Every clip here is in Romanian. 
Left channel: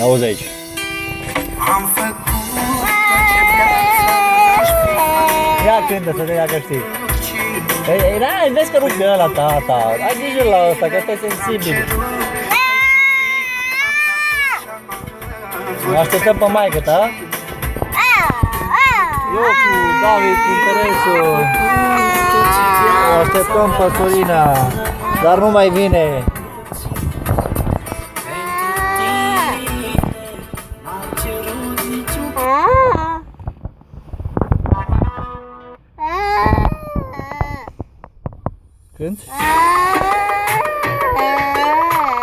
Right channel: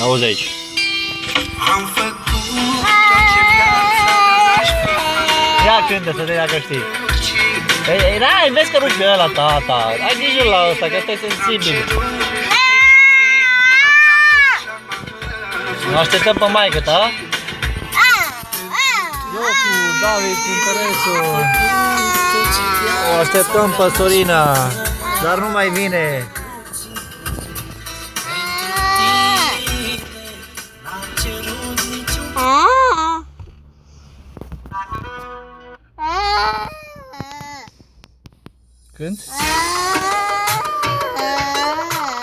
Auzi aici. Ia cântă să te ia că știi. Ei, vezi că rupe ăla, tata. Ai grijă la ăsta, că ăsta e sensibil. Așteptăm pe maică ta. Eu cu David, interesul. O așteptăm pe Sorina, dar nu mai vine. Când?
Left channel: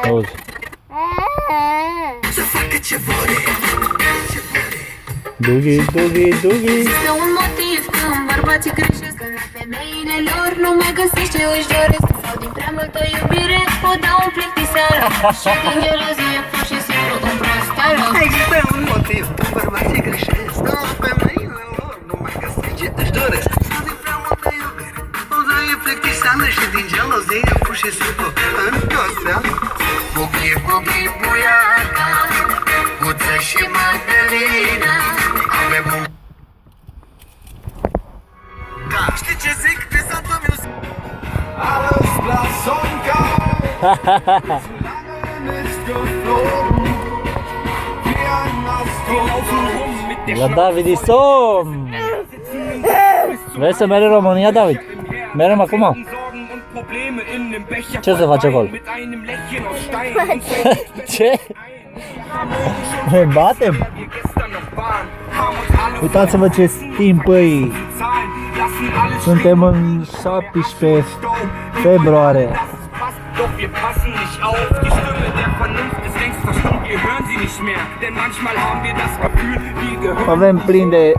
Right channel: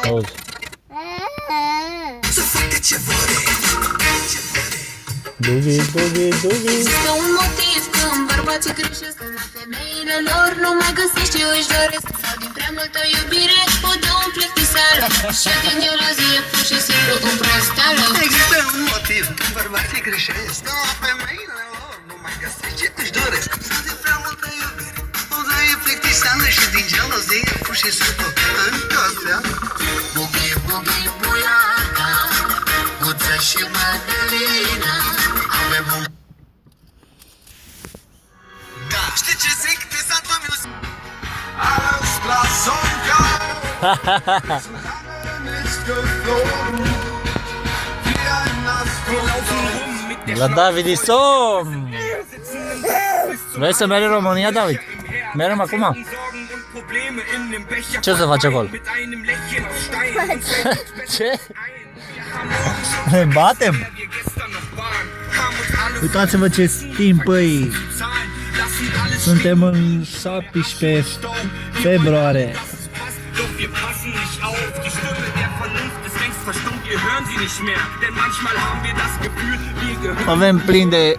Auzi. Dugi, dugi, dugi. Este un motiv când bărbații greșesc, când femeile lor nu mai găsesc ce își doresc. Sau din prea multă iubire o dau în plictiseală și din gelozie pur și simplu în prosteală. Există un motiv când bărbații greșesc, dar femeile lor nu mai găsesc ce își doresc. Sau din prea multă iubire o dau în plictiseală și din gelozie pur și simplu în prosteală. Bugi, bugi, buiaca, Guță și Madalina, avem un... Da, știi ce zic? De Santo Music. Alles Glas und Gold, ist geflogen, wie ein Astronaut. La David e somn. Vrei să mergi în România, David? Mergem acum? Ce să faci acolo? Ce? Ne batem? Uitați-vă ce timp, băi! Suntem în 17 februarie. Avem plin de